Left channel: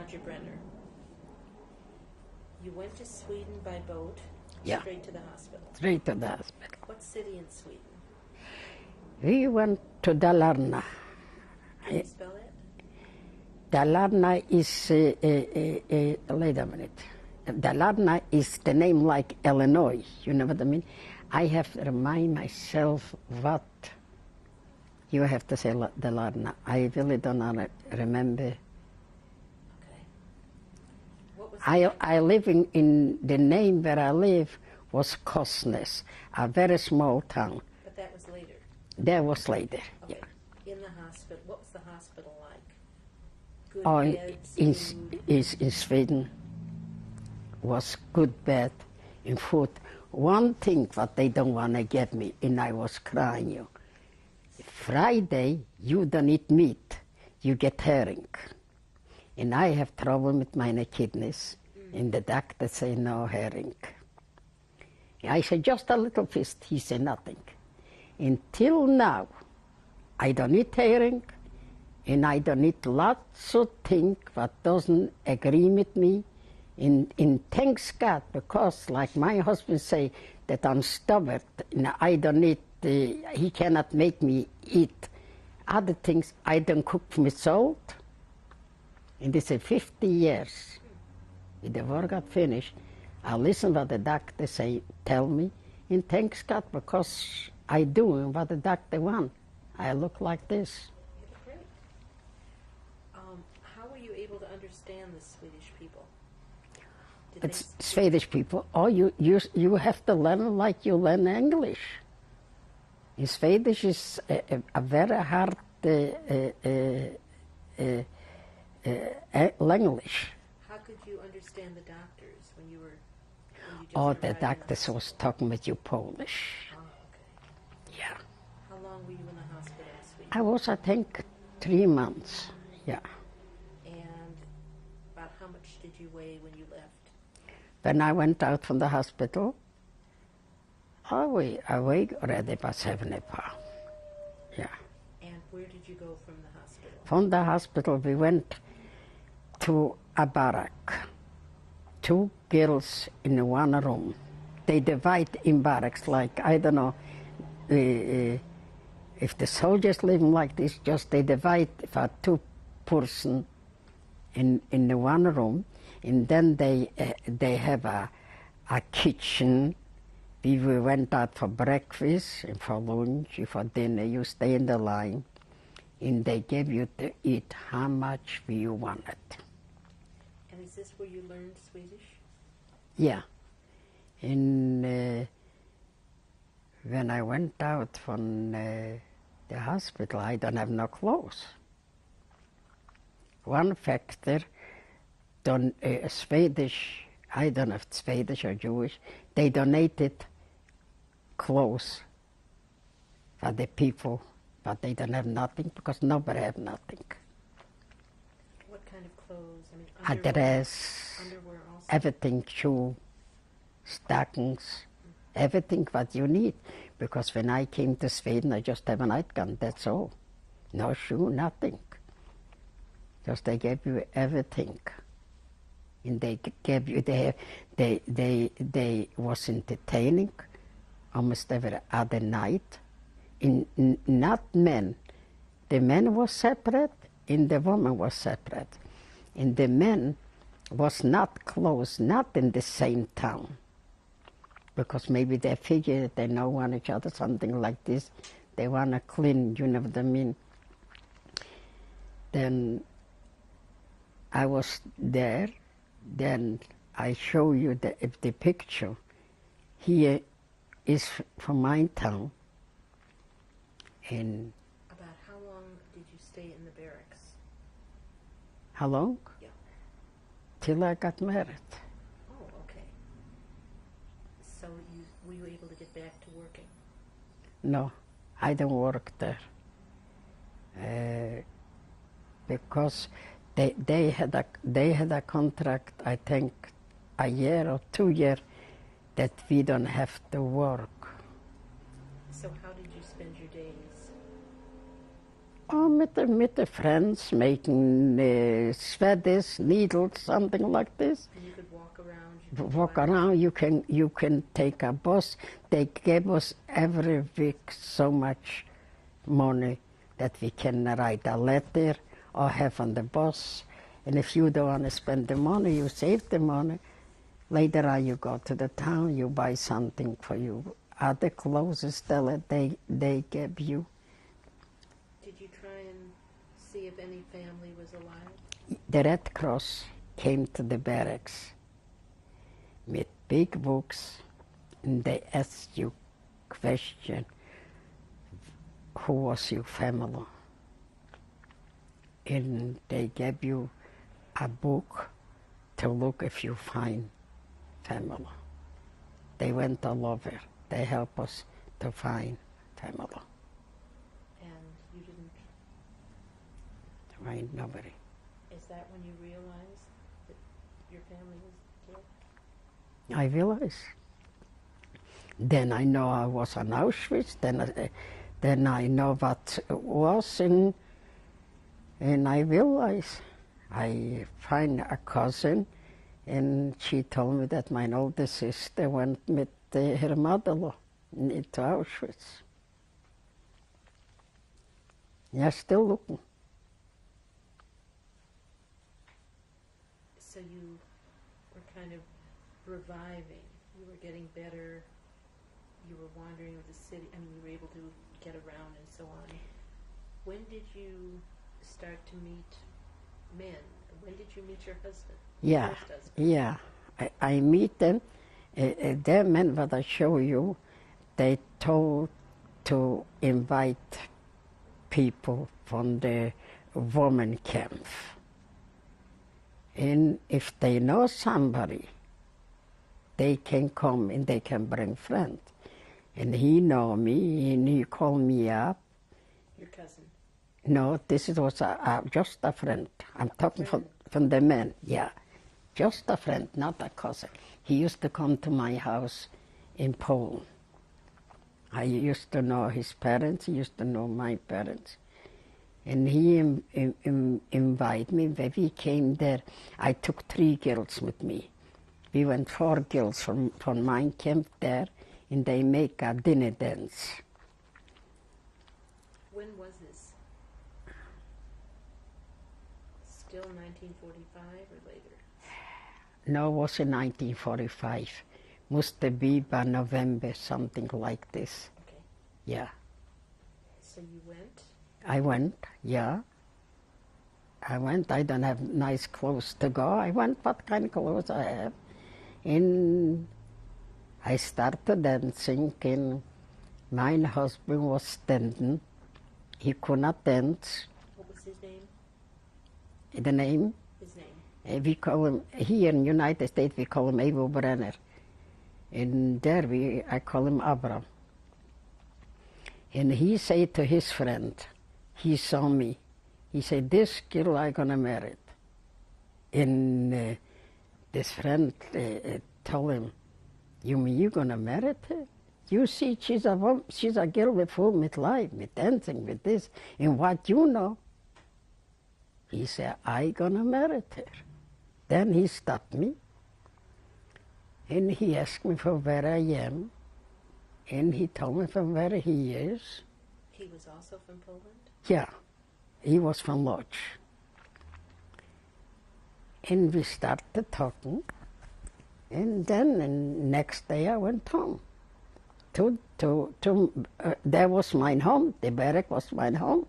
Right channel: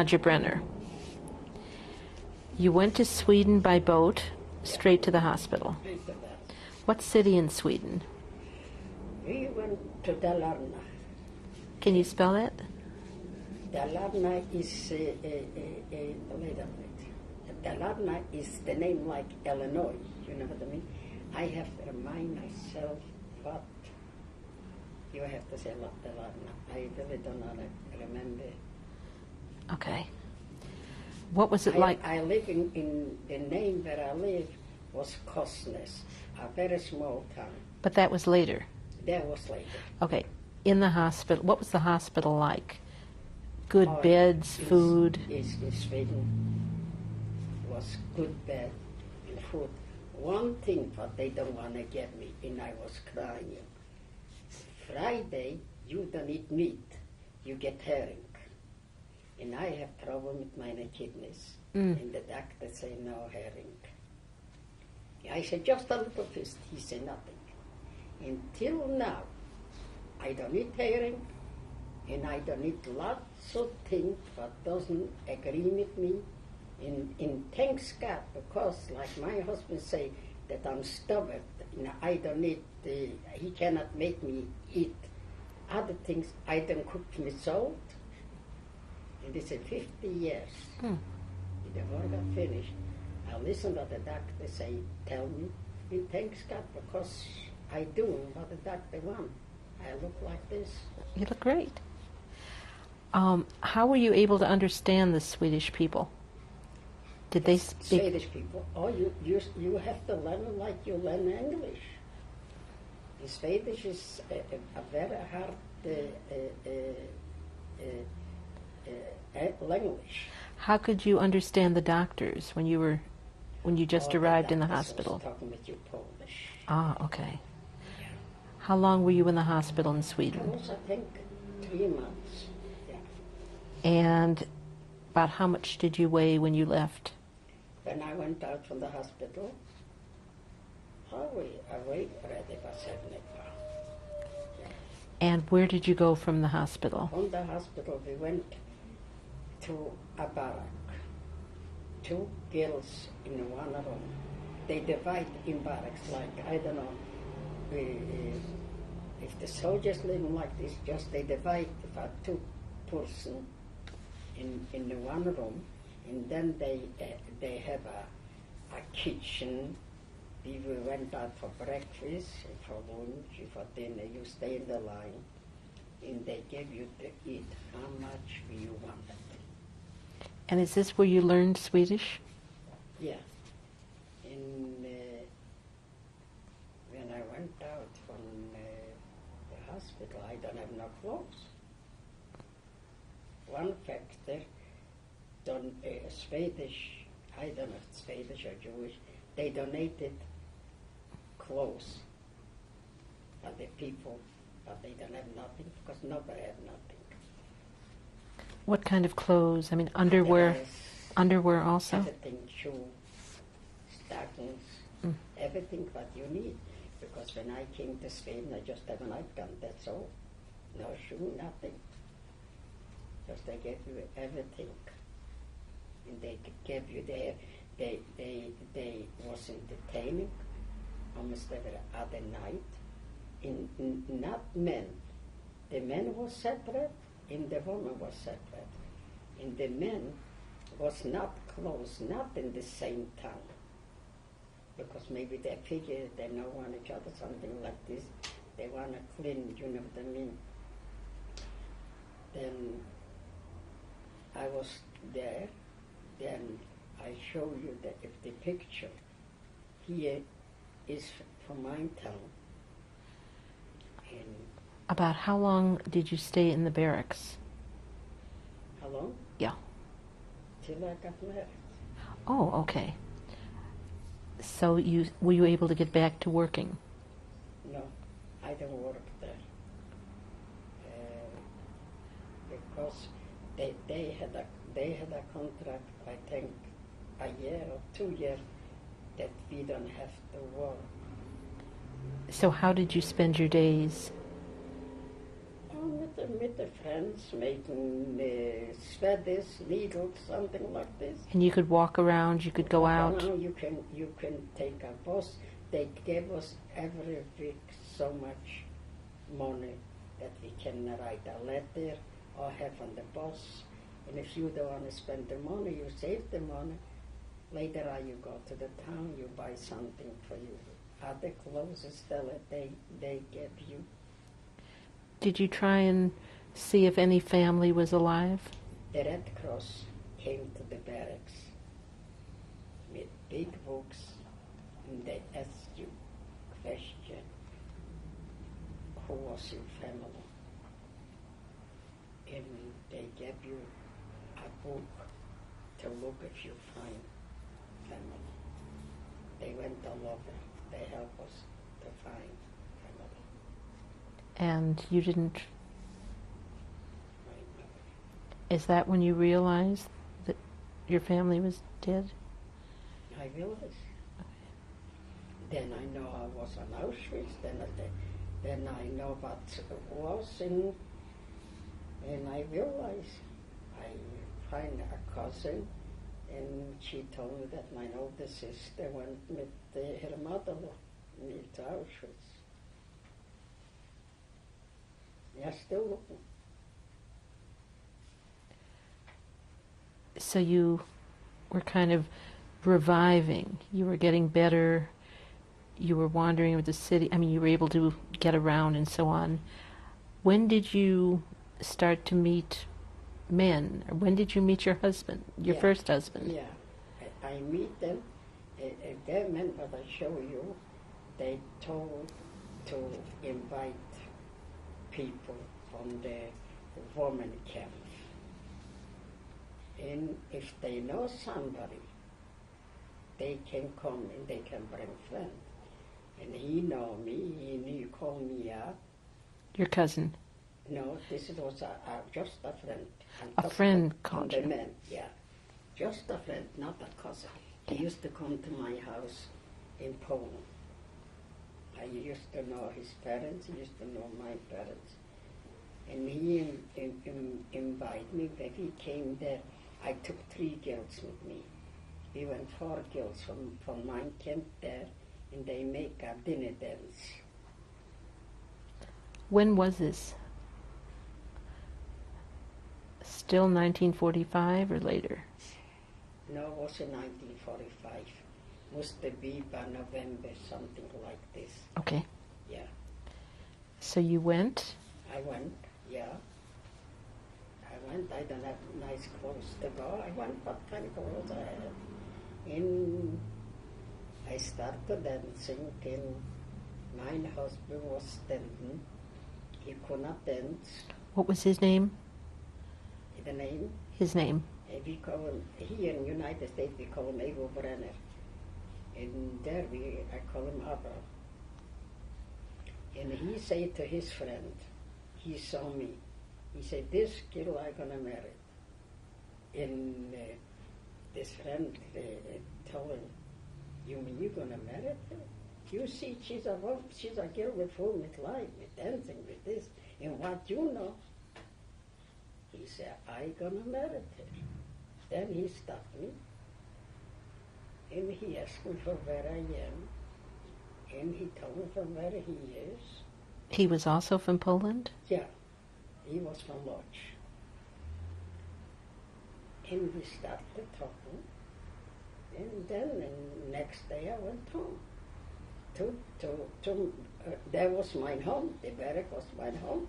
Nadja Brener. You went to Sweden by boat, Yeah. straight to the hospital. Straight to that. What city in Sweden? We went to Dalarna. Can you spell that? Dalarna is, wait a minute. Dalarna is the name like Illinois, you know what I mean? I have to remind myself what you have to say Dalarna. I really don't remember. Okay. What was it like? I live in the name where I live was Kosnes, a very small town. But that was later. That was later. Okay. In the hospital, what was the hospital like? Good Oh, beds, food? In Sweden was good bed and food. One thing that they don't want to get me, and I was crying, you. Friday, you don't eat meat, you get herring. And I have trouble with my kidneys, and the doctor say no herring. I said, just a little fish. He said nothing. Until now, I don't eat herring, and I don't eat lots of things that doesn't agree with me. And thanks God, because like my husband say, that I'm stubborn, and I don't eat, he cannot make me eat other things. I don't cook with salt. And they say 50 years. The war got finished. I listen what the doctor say, tell me, and thanks God, because I do what the doctor want. I look like this. You look great. How were you able to understand the Swedish people? Did they speak? Swedish people, oh, you have to learn like you learn English. Swedish is a very hard language. How could you understand the doctors when you just arrived in the hospital? The doctor was talking with you Polish. Ah, okay. Yeah. How long were you in the hospital in Sweden? I was, I think, 3 months. Yeah. And about how much did you weigh when you left? When I went out from the hospital, I weighed already about 70 pounds. Yeah. And where did you go from the hospital? From the hospital, we went to a barrack. 2 girls in one room. They divide in barracks like, I don't know, if the soldiers living like this, just they divide for 2 person in the one room, and then they have a kitchen. We went out for breakfast, and for lunch, and for dinner. You stay in the line, and they give you to eat how much you wanted. And is this where you learned Swedish? Yeah. And when I went out from the hospital, I don't have no clothes. One factor, Swedish, I don't know if it's Swedish or Jewish, they donated clothes for the people, but they don't have nothing because nobody have nothing. What kind of clothes? I mean, underwear? Dress, underwear also? everything, shoe, stockings, everything what you need. Because when I came to Sweden, I just have a nightgown, that's all. No shoe, nothing. Just they gave you everything. And they gave you, they was entertaining almost every other night. Not men. The men was separate and the woman was separate. And the men was not close, not in the same town. Because maybe they figure they know one each other, something like this. They want to clean, you know what I mean? Then I was there, then I show you the picture. Here is from my town. And about how long did you stay in the barracks? how long? Yeah. Till I got married. Oh, okay. So were you able to get back to working? No, I don't work there. Because they had a contract, I think, a year or 2 years, that we don't have to work. So how did you spend your days? Oh, with the friends, making sweaters, needles, something like this. And you could walk around, you could go Walk out. around, you can take a bus. They gave us every week so much money that we can write a letter or have on the bus. And if you don't want to spend the money, you save the money. Later on, you go to the town, you buy something for you. Other clothes still they give you. Did you try and see if any family was alive? The Red Cross came to the barracks with big books, and they asked you question, who was your family? And they gave you a book to look if you find family. They went all over. They help us to find family. And you didn't. Find nobody. Is that when you realized that your family was dead? I realized. Then I know I was in Auschwitz. Then I know what it was, and I realized. I find a cousin, and she told me that my older sister went with her mother-in-law to Auschwitz. Yeah, still looking. So you were kind of reviving. You were getting better. You were wandering with the city. I mean, you were able to get around and so on. When did you start to meet men? Or when did you meet your husband, your first husband? Yeah, I meet them. Their men, what I show you, they told to invite people from the woman camp. And if they know somebody, they can come and they can bring friends. And he know me, and he called me up. Your cousin? No, this was just a friend. I'm A talking friend from the men, yeah. Just a friend, not a cousin. He used to come to my house in Poland. I used to know his parents, he used to know my parents. And he invited me. When we came there, I took 3 girls with me. We went 4 girls from my camp there, and they make a dinner dance. When was this? Still 1945 or later? No, it was in 1945. Must be by November, something like this. Okay. Yeah. So you went? I went, yeah. I went. I don't have nice clothes to go. I went, what kind of clothes I have. And I started dancing, and my husband was standing. He could not dance. What was his name? The name? His name? We call him, here in the United States, we call him Brener. And there I call him Abraham. And he said to his friend, he saw me, he said, this girl I'm gonna marry. And this friend told him, you mean you're gonna marry her? You see, she's a girl with full with life, with dancing, with this, and what you know. He said, I'm gonna marry her. Then he stopped me, and he asked me from where I am, and he told me from where he is. He was also from Poland? Yeah, he was from Lodz. And we started talking, and then the next day I went home. That was my home, the barrack was my home.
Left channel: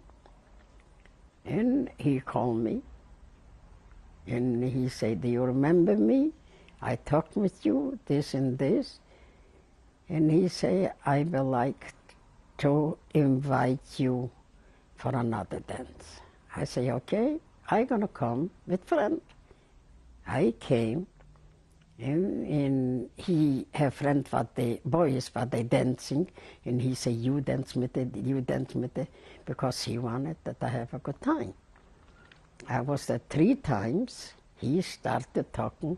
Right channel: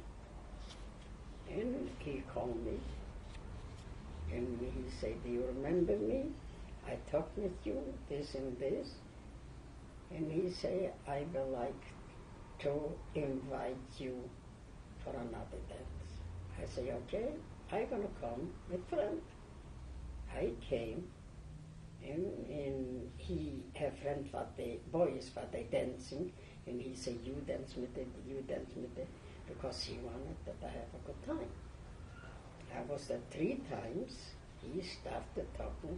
And he called me, and he said, do you remember me? I talked with you, this and this. And he said, I would like to invite you for another dance. I say, okay, I'm gonna come with friend. I came, and he have friend what the boys what they dancing, and he say, you dance with it, you dance with it, because he wanted that I have a good time. I was there 3 times. He started talking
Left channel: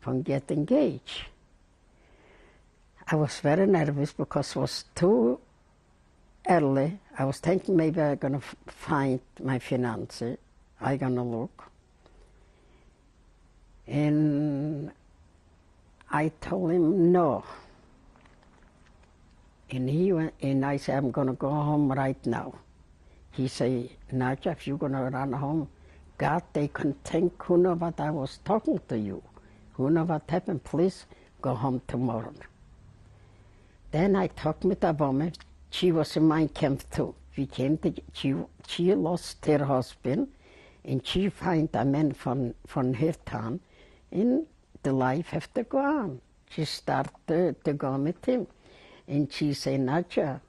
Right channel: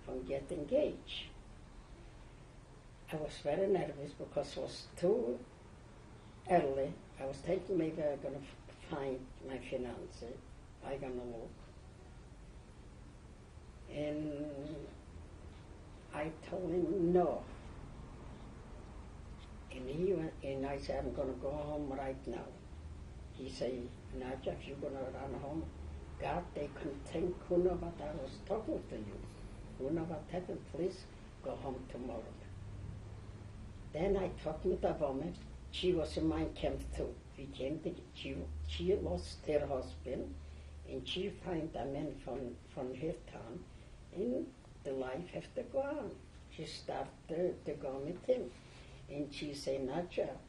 from get engaged. I was very nervous because it was 2 early. I was thinking maybe I'm going to find my finances. I'm going to look. And I told him no. And he went, and I said, I'm going to go home right now. He said, Nadja, if you're going to run home, God, they can think, who know what I was talking to you. Who know what happened, please go home tomorrow. Then I talked with a woman. She was in my camp too. We came to, she lost her husband, and she found a man from her town, and the life have to go on. She started to go with him. And she said, Nadja,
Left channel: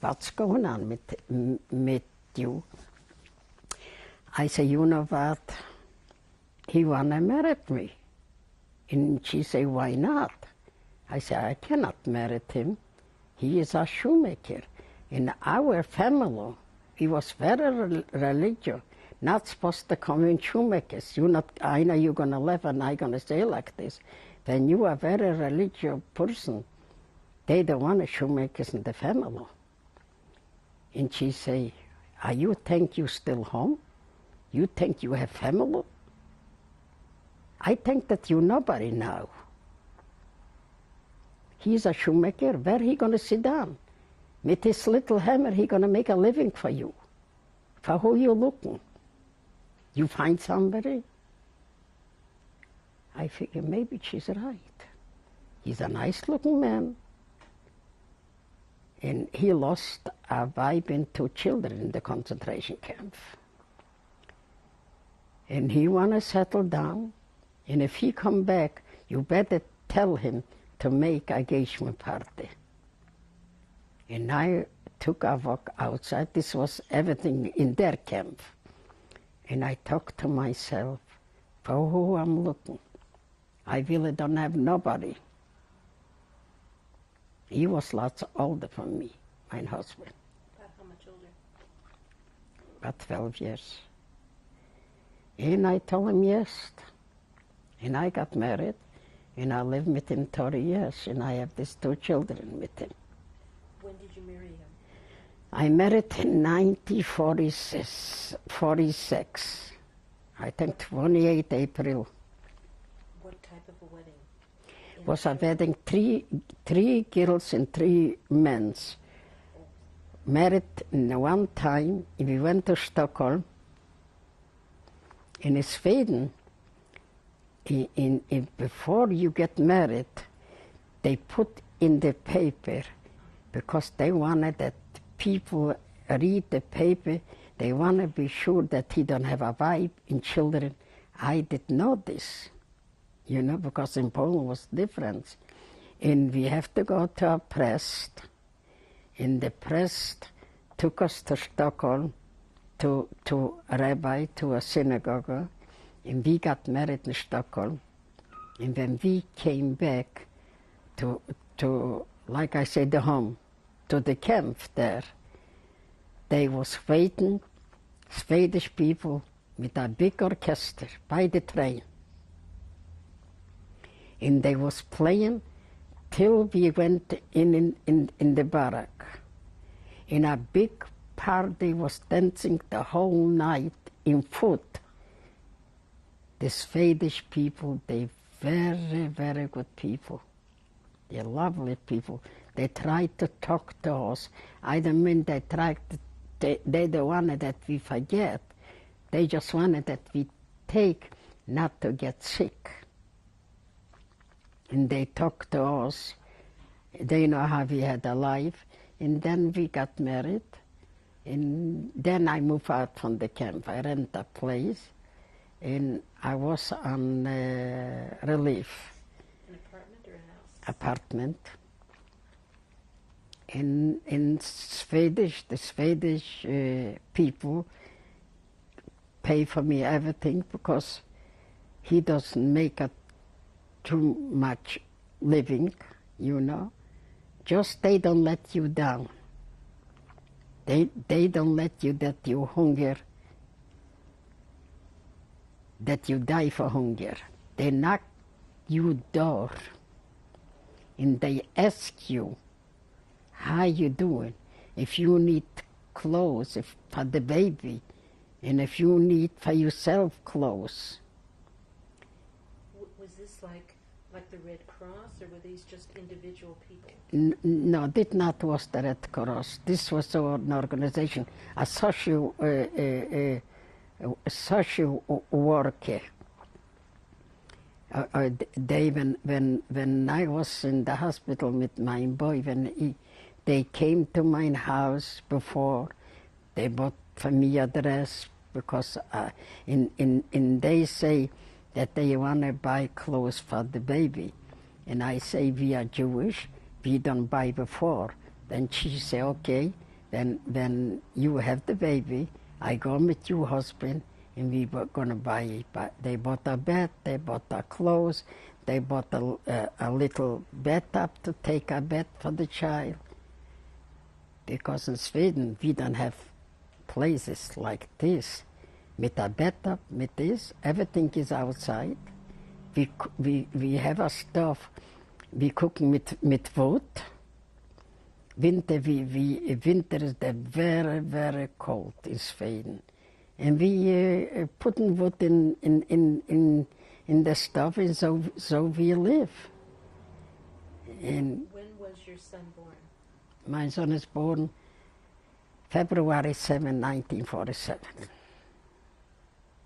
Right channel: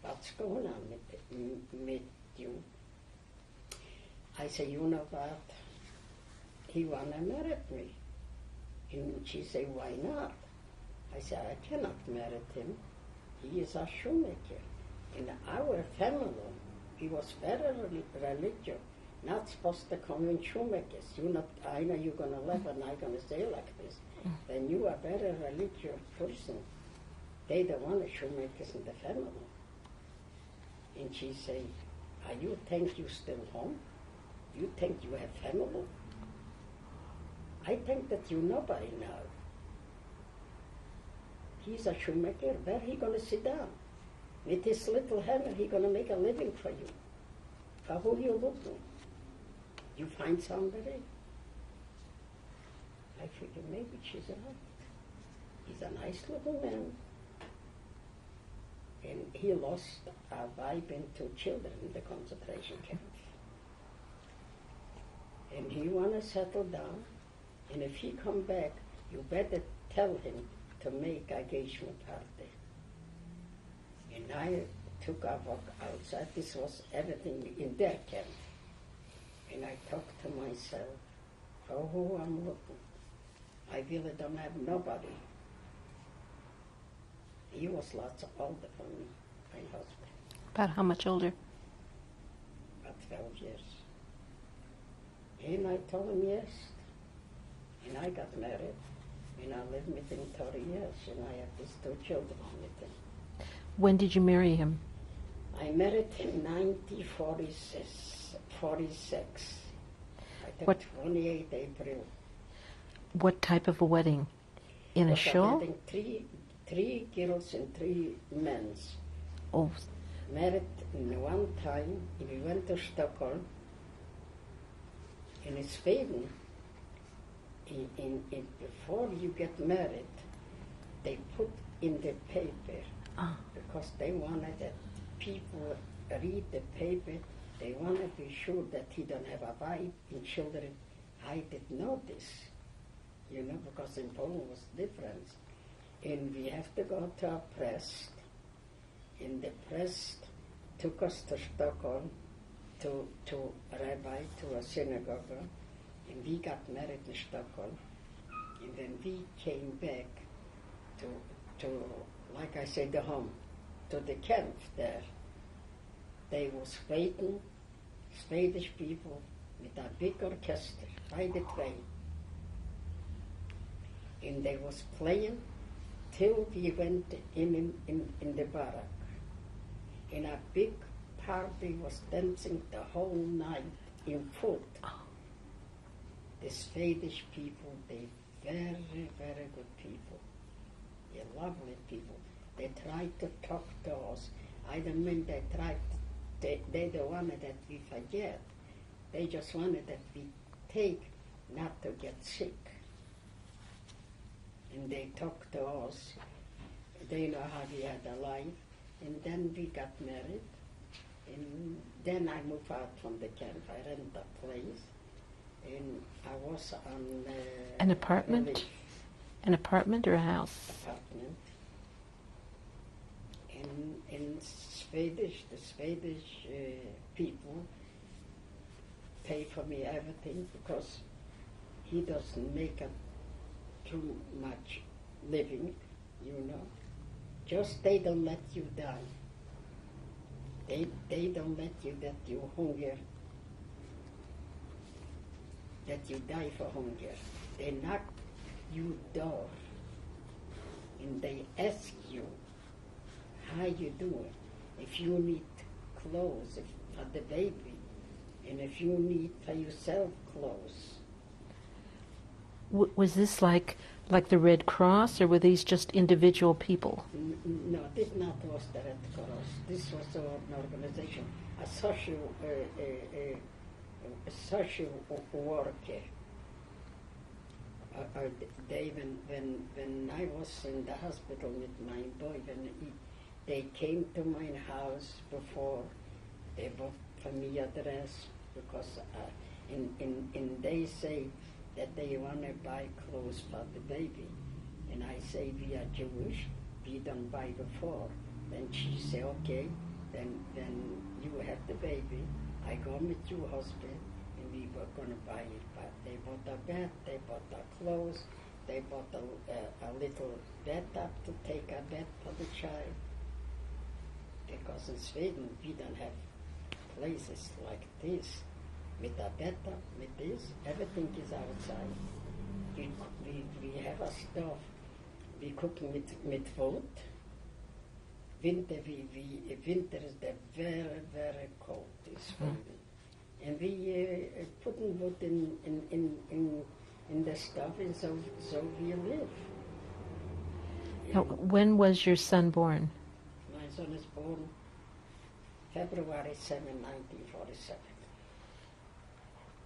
what's going on with you? I said, you know what? He wanna marry me. And she said, why not? I said, I cannot marry him. He is a shoemaker. In our family, he was very religious. Not supposed to come in shoemakers. I know you're gonna live and I'm gonna stay like this. Then you are a very religious person. They don't want shoemakers in the family. And she say, you think you still home? You think you have family? I think that you nobody now. He's a shoemaker. Where he gonna sit down? With his little hammer, he gonna make a living for you. For who you looking? You find somebody? I figure maybe she's right. He's a nice looking man. And he lost a wife and 2 children in the concentration camp. And he wanna settle down. And if he come back, you better tell him to make a engagement party. And I took a walk outside. This was everything in their camp. And I talked to myself, for who I'm looking. I really don't have nobody. He was lots older than me, my husband. About how much older? About 12 years. And I told him yes. And I got married, and I lived with him 30 years, and I have these 2 children with him. When did you marry him? I married in 1946. I think 28 April. What type of a wedding? In Was a show? a wedding, three girls and 3 men. Oh, Married in one time. We went to Stockholm. In Sweden, before you get married, they put in the paper, because they wanted that people read the paper. They want to be sure that he don't have a wife and children. I didn't know this, because in Poland was different. And we have to go to a priest, and the priest took us to Stockholm, to a rabbi, to a synagogue, and we got married in Stockholm. And when we came back to like I said, the home, to the camp there, they was waiting, Swedish people with a big orchestra by the train. And they was playing till we went in the barrack. And a big party was dancing the whole night in foot. The Swedish people, they very, very good people. They're lovely people. They tried to talk to us. I don't mean they don't want that we forget. They just wanted that we take not to get sick. And they talked to us. They know how we had a life. And then we got married. And then I moved out from the camp. I rented a place. And I was on an apartment? relief. An apartment or a house? Apartment. In Swedish, the Swedish people pay for me everything, because he doesn't make too much living, Just they don't let you down. They don't let you that you hunger, that you die for hunger. They knock you door and they ask you how you doing. if you need clothes for the baby, and if you need for yourself clothes. Was this like the Red Cross, or were these just individual people? No, this not was the Red Cross. This was an organization, a social worker. They, when I was in the hospital with my boy, they came to my house before, they bought for me a dress, because they say that they want to buy clothes for the baby. And I say, we are Jewish, we don't buy before. Then she say, okay, then you have the baby, I go with your husband, and we were going to buy it. But they bought a bed, they bought a clothes, they bought a little bed up to take a bed for the child. Because in Sweden, we don't have places like this. With a bed up, with this, everything is outside. We have a stove, we cook with wood. Winter, winter is very, very cold in Sweden. And we put wood in the stove, and so we live. When was your son born? My son is born February 7, 1947.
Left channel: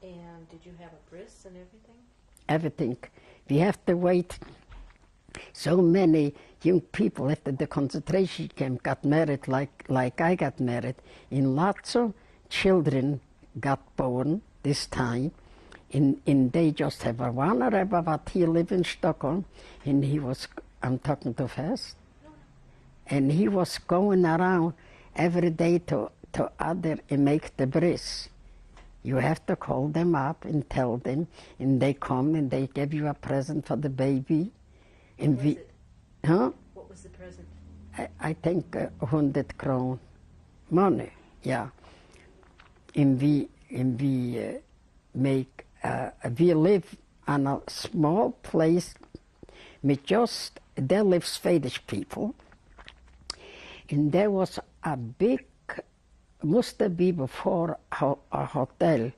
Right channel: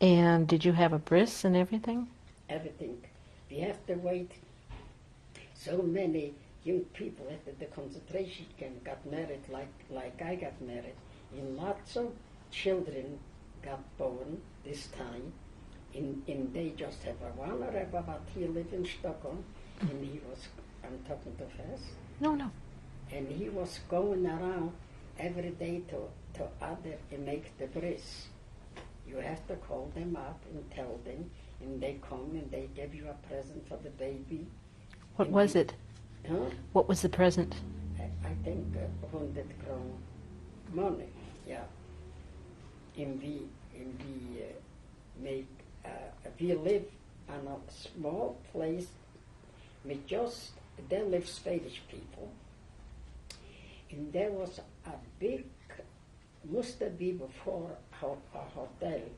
And did you have a bris and everything? Everything. We have to wait. So many young people after the concentration camp got married like I got married. And lots of children got born this time. And they just have one Rebbe, but he lived in Stockholm. And he was, I'm talking too fast? No. And he was going around every day to other and make the bris. You have to call them up and tell them, and they come and they give you a present for the baby. What was it? Huh? What was the present? I think 100 krone money, yeah. And we make, we live on a small place with just, there live Swedish people. And there was a big, must be before a hotel,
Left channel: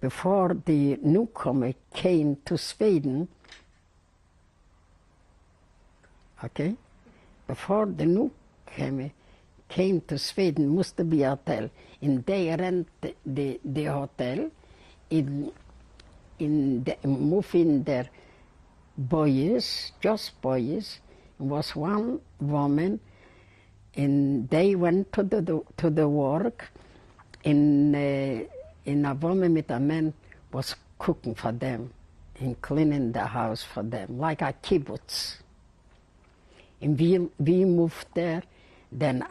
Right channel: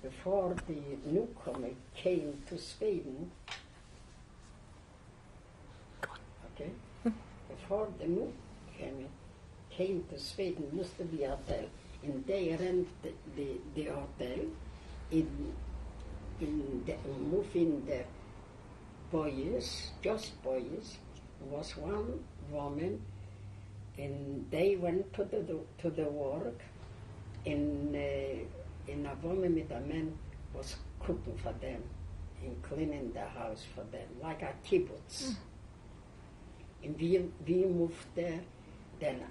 before the newcomer came to Sweden. Okay? Before the newcomer came to Sweden, must be a hotel. And they rent the hotel, move in there boys, just boys. Was one woman, and they went to the work, and a woman with a man was cooking for them and cleaning the house for them, like a kibbutz. And we moved there, then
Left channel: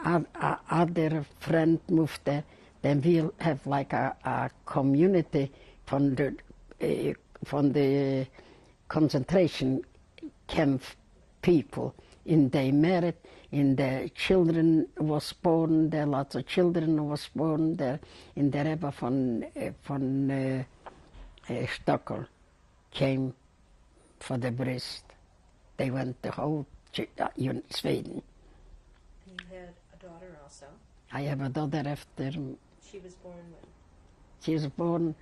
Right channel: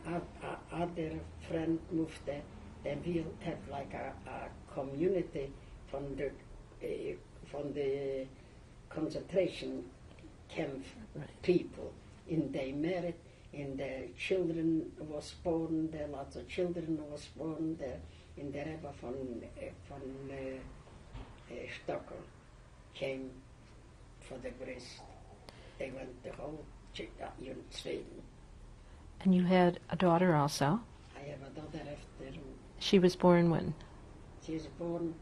other friend moved there, then we have like a community from the concentration camp people, and they married. And the children was born there, lots of children was born there. And the Rebbe from Stockholm came for the bris. They went the whole Sweden. And you had a daughter also? I have a daughter after. She was born when? She was born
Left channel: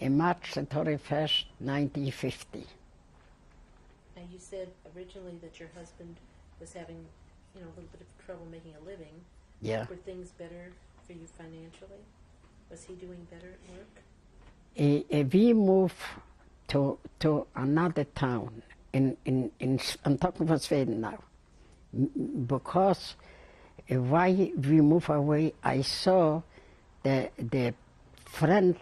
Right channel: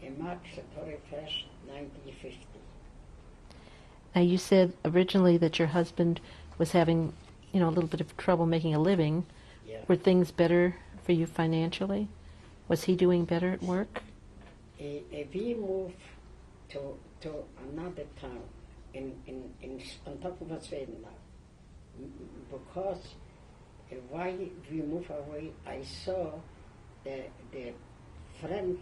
in March 31st, 1950. Now you said originally that your husband was having a little bit of trouble making a living. Yeah. Were things better for you financially? Was he doing better at work? We moved to another town. I'm talking about Sweden now. Because why we moved away, I saw the friend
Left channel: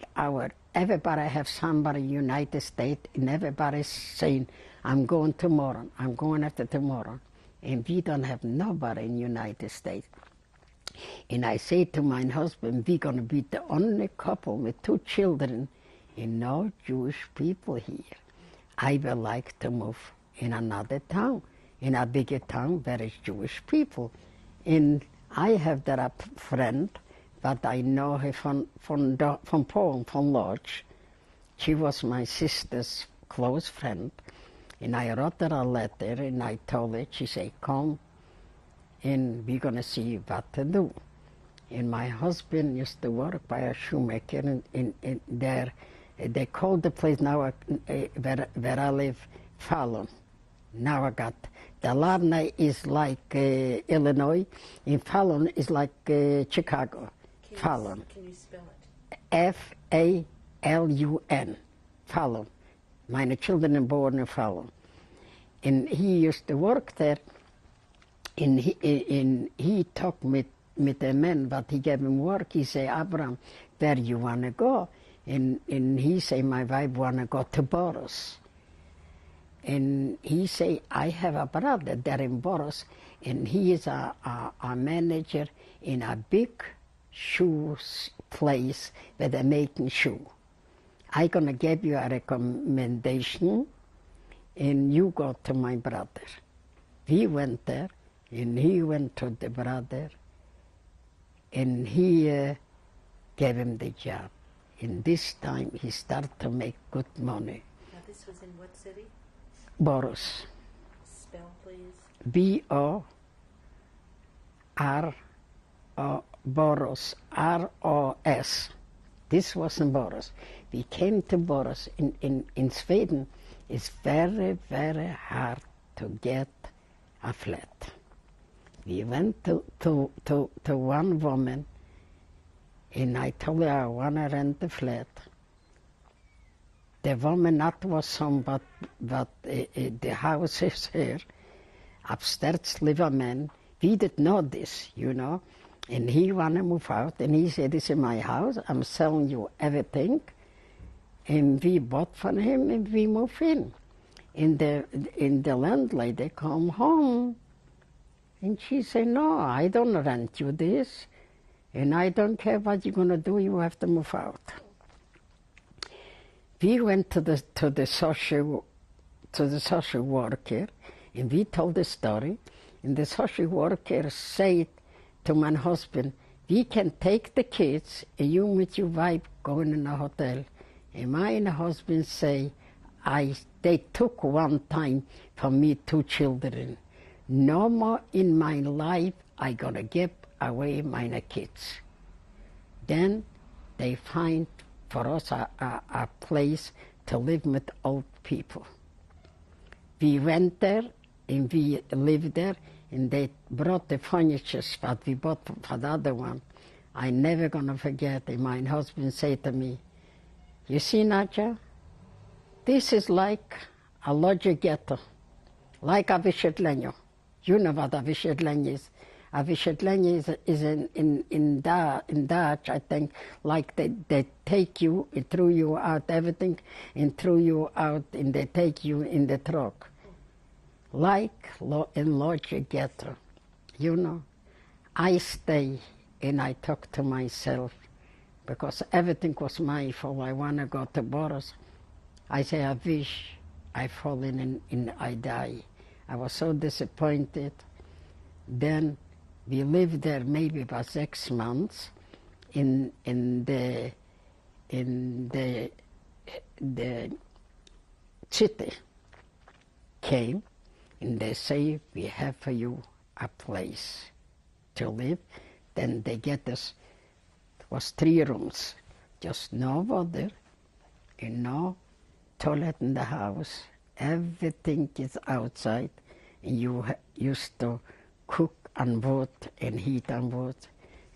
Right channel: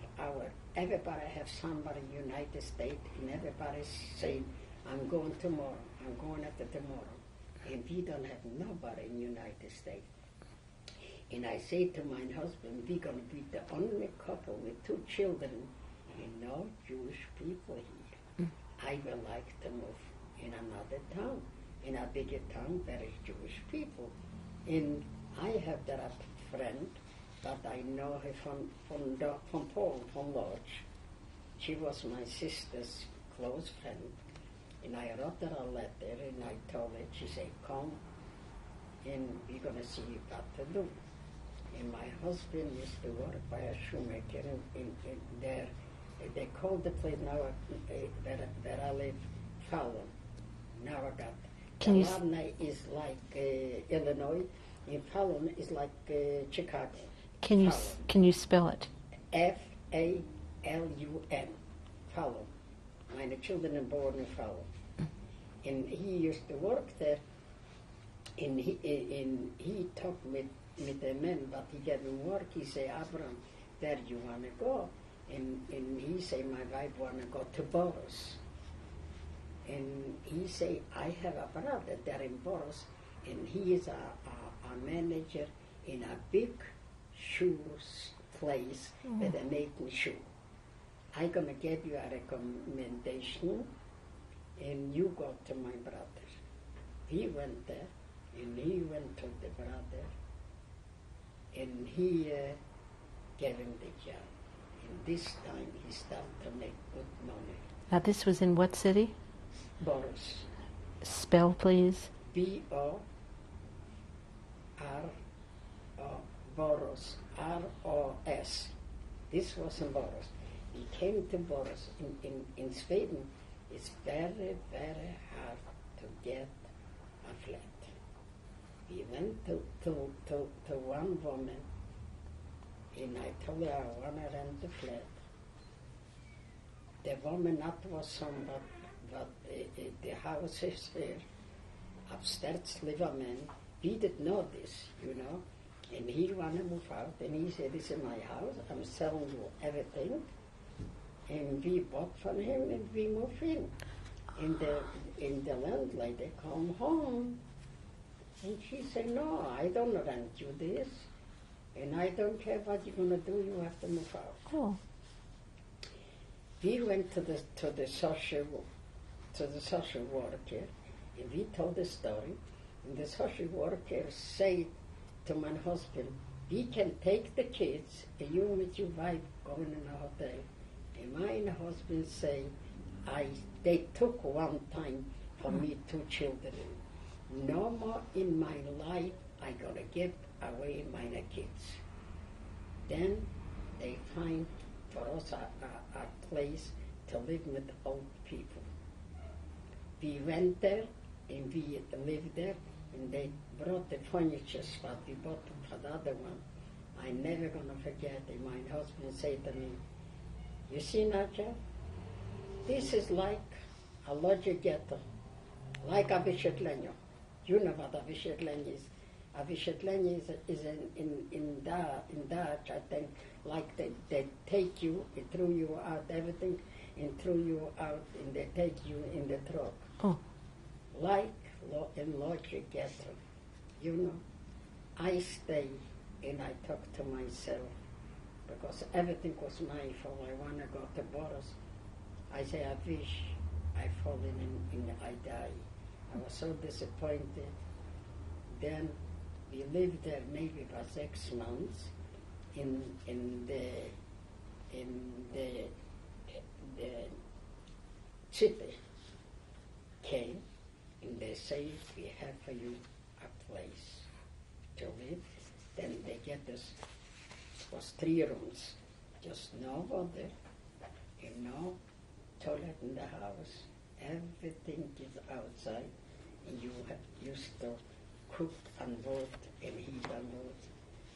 everybody have somebody in the United States, and everybody's saying, I'm going tomorrow, I'm going after tomorrow. And we don't have nobody in the United States. And I say to my husband, we're going to be the only couple with 2 children and no Jewish people here. I would like to move in another town, in a bigger town where is Jewish people. And I have that a friend, but I know her from Poland, from Lodz. She was my sister's close friend. And I wrote her a letter, and I told her, she said, come, and we're going to see what to do. And my husband used to work by a shoemaker in there. They called the place now where I live, Fallon. Now I got. The Larney is like Illinois, and Fallon is like Chicago. Fallon. Can you spell it? F-A-L-U-N. Fallon. My children are born in Fallon. And he used to work there, and he talked with the man, but he gave him work. He said, Abraham, where you want to go? And he said, my wife want to go to Boros. And he said, I have a brother there in Boros, and he is a manager in a big shoes place where they're making shoe. I'm going to give you a recommendation, and you go to my brother. He went there, and he went to the brother, and he gave him the job. And this time he started to make good money. Now this was in what city? Boros. Spell, please. B-O-R-O, Boros, R-O-S. This was in Boros. We came to Boros. In Sweden, it's very, very hard to get a flat. We went to one woman, and I told her I want to rent the flat. The woman not was home, but the house is here. Upstairs live a man. We didn't know this, you know. And he want to move out, and he said, this is my house. I'm selling you everything. And we bought from him, and we moved in. And the landlady come home, and she said, no, I don't rent you this, and I don't care what you're going to do, you have to move out. Oh. We went to the social worker, and we told the story, and the social worker said to my husband, we can take the kids, and you with your wife going in a hotel. And my husband say, they took one time from me 2 children. No more in my life I gonna give away my kids. Then they find for us a place to live with old people. We went there and we lived there, and they brought the furniture that we bought for the other one. I never gonna forget it. My husband said to me, you see, Nadja, this is like a lodge ghetto, like a Wysiedlenie. You know what a Wysiedlenie is. A Wysiedlenie is in Dutch, I think, like they take you, it threw you out everything, and threw you out, and they take you in the truck. Oh. Like in lodge ghetto, you know. I stay, and I talk to myself, because everything was my fault. I want to go to Boros. I say, I wish I fall in I die. I was so disappointed. Then we lived there maybe for 6 months. In the city came, and they say, we have for you a place to live. Then they get us, was 3 rooms, just no water and no toilet in the house. Everything is outside, and you used to cook on wood and heat on wood.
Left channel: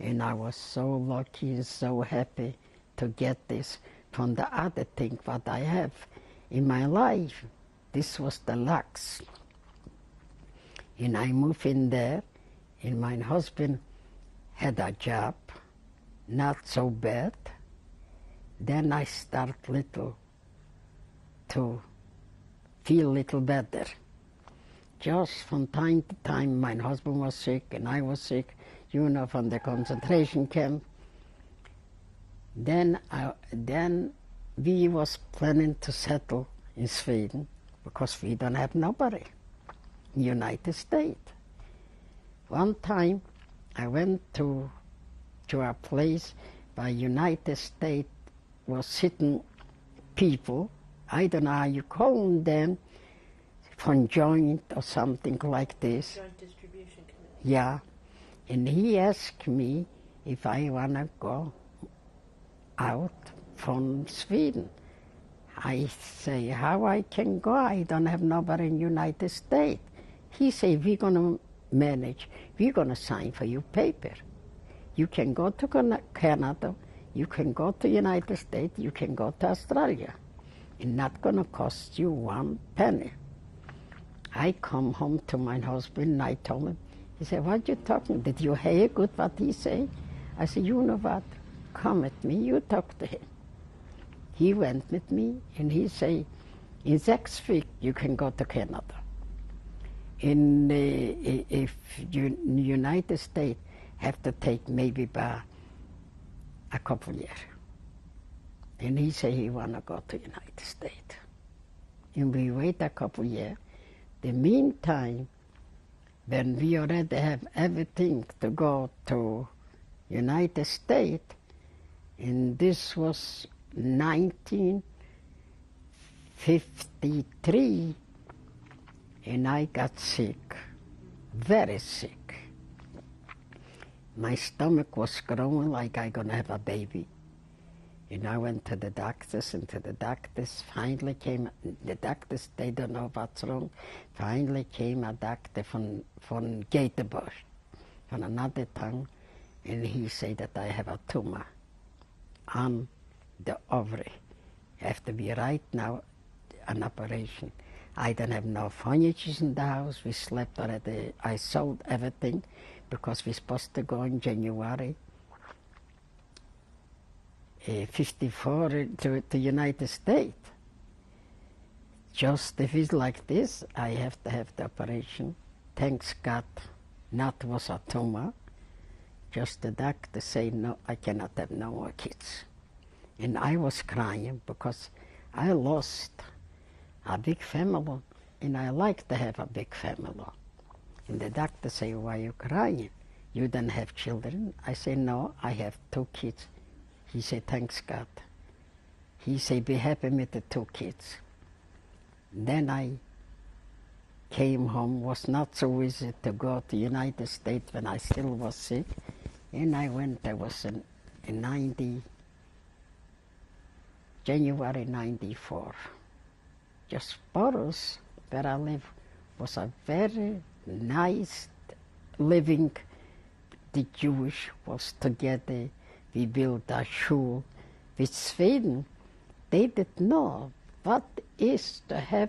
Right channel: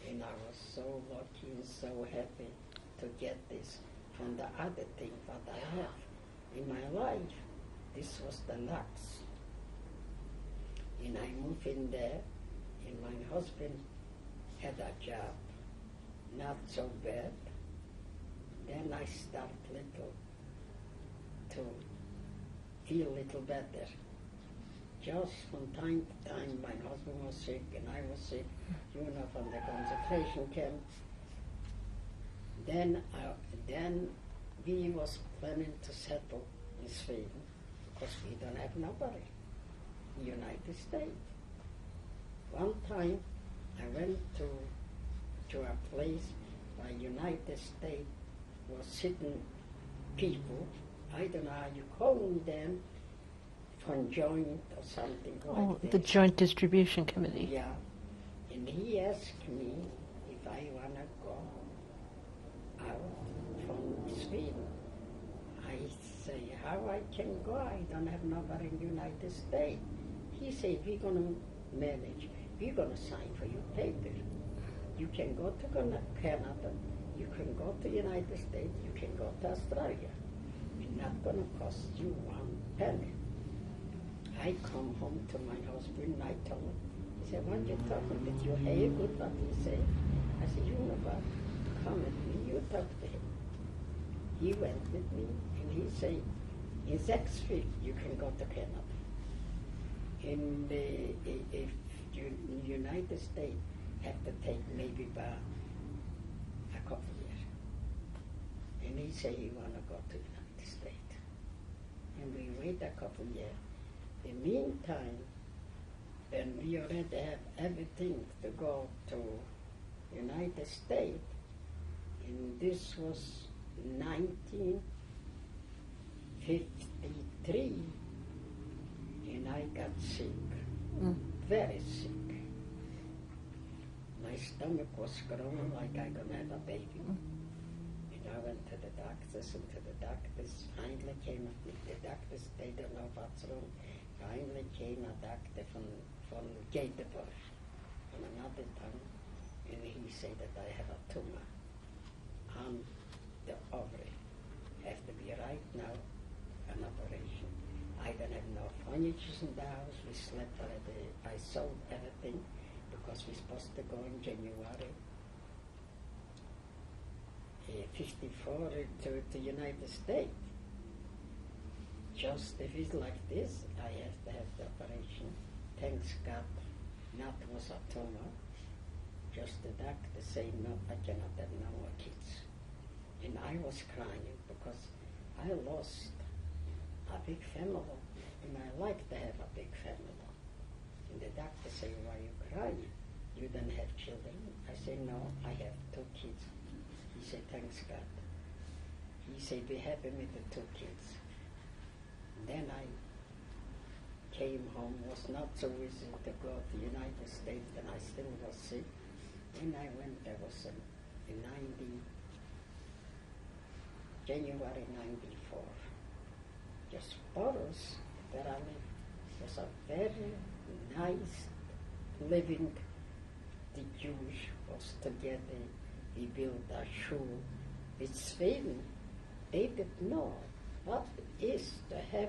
And I was so lucky and so happy to get this from the other thing what I have in my life. This was the lux. And I moved in there, and my husband had a job, not so bad. Then I start little to feel little better. Just from time to time, my husband was sick and I was sick, you know, from the concentration camp. Then we was planning to settle in Sweden, because we don't have nobody in the United States. One time I went to a place by United States was sitting people, I don't know how you call them, from joint or something like this. The Joint Distribution Committee. Yeah. And he asked me, if I want to go out from Sweden. I say, how I can go? I don't have nobody in United States. He say, we're going to manage. We're going to sign for you paper. You can go to Canada. You can go to United States. You can go to Australia. It's not going to cost you one penny. I come home to my husband and I told him, he said, what you talking? Did you hear good what he said? I said, you know what? Come with me. You talk to him. He went with me, and he said, in 6 weeks you can go to Canada. If United States have to take maybe by a couple years. And he said he want to go to United States. And we wait a couple years. The meantime, when we already have everything to go to United States, and this was 1953, and I got sick, very sick. My stomach was growing like I gonna have a baby. And I went to the doctors, and the doctors finally came, the doctors, they don't know what's wrong. Finally came a doctor from Göteborg, from another town, and he said that I have a tumor on the ovary. Have to be right now an operation. I don't have no furniture in the house. We slept already. I sold everything because we're supposed to go in January 54 to the United States. Just if it's like this, I have to have the operation. Thanks God, not was a tumor. Just the doctor say, no, I cannot have no more kids. And I was crying because I lost a big family, and I like to have a big family. And the doctor say, why are you crying? You don't have children? I say, no, I have 2 kids. He said, thanks God. He said, be happy with the 2 kids. Then I came home. Was not so easy to go to United States when I still was sick. And I went, I was in January 94. Just Boros, where I live, was a very nice living. The Jewish was together. We built a shul with Sweden. They didn't know what is to have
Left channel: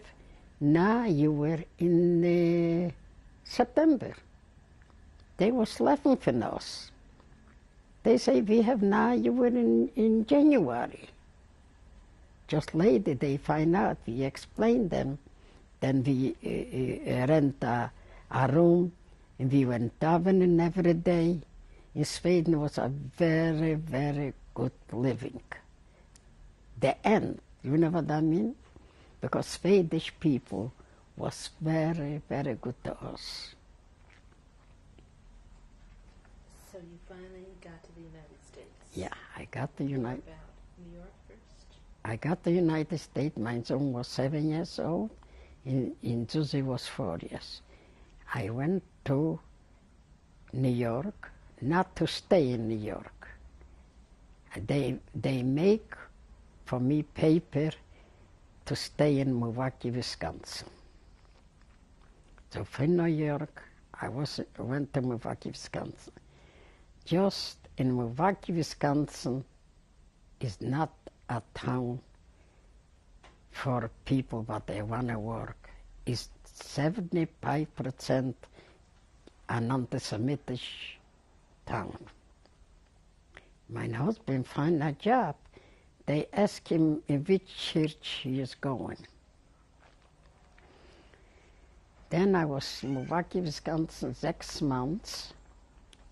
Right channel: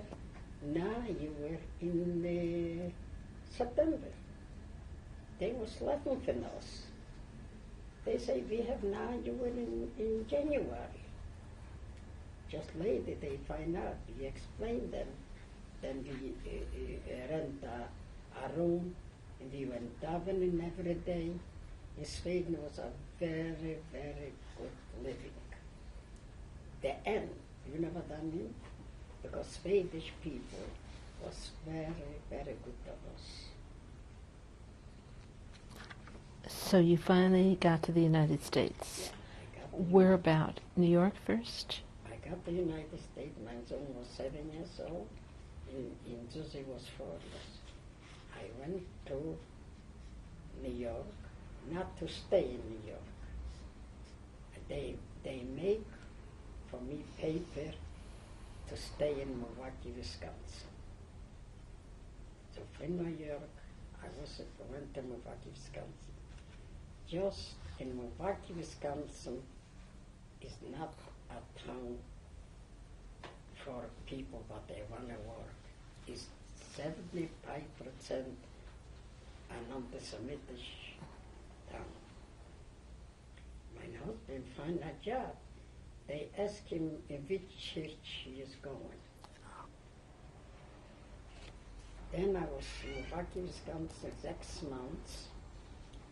now you were in September. They was laughing for us. They say we have now you were in January. Just later they find out, we explain them. Then we rent a room, and we went davening every day. In Sweden was a very, very good living. The end, you know what I mean? Because Swedish people was very, very good to us. So you finally got to the United States. Yeah, I got the Where about? New York first? I got the United States. My son was 7 years old, and Susie was 4 years. I went to New York, not to stay in New York. They make for me paper to stay in Milwaukee, Wisconsin. So from New York, I went to Milwaukee, Wisconsin. Just in Milwaukee, Wisconsin is not a town for people but they want to work. It's 75% an anti-Semitic town. My husband find a job. They ask him in which church he is going. Then I was in Milwaukee, Wisconsin 6 months.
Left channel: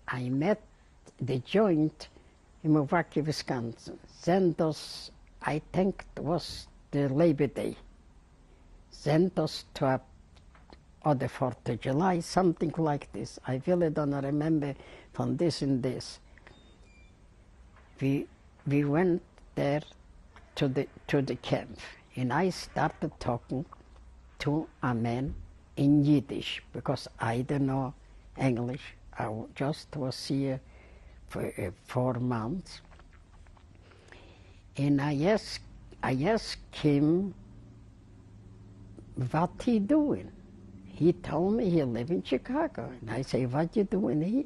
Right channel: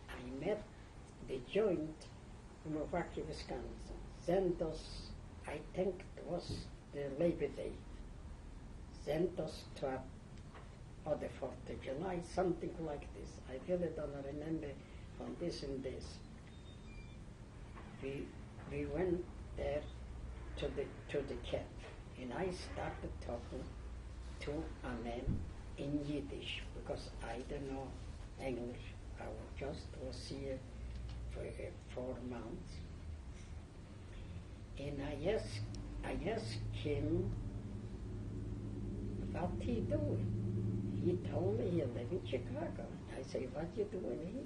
I met the joint in Milwaukee, Wisconsin. Then I think it was the Labor Day. Then to the 4th of July, something like this. I really don't remember from this and this. We went there to the camp, and I started talking to a man in Yiddish because I don't know English. I just was here for 4 months. And I asked him what he doing. He told me he live in Chicago. And I say, what you doing here?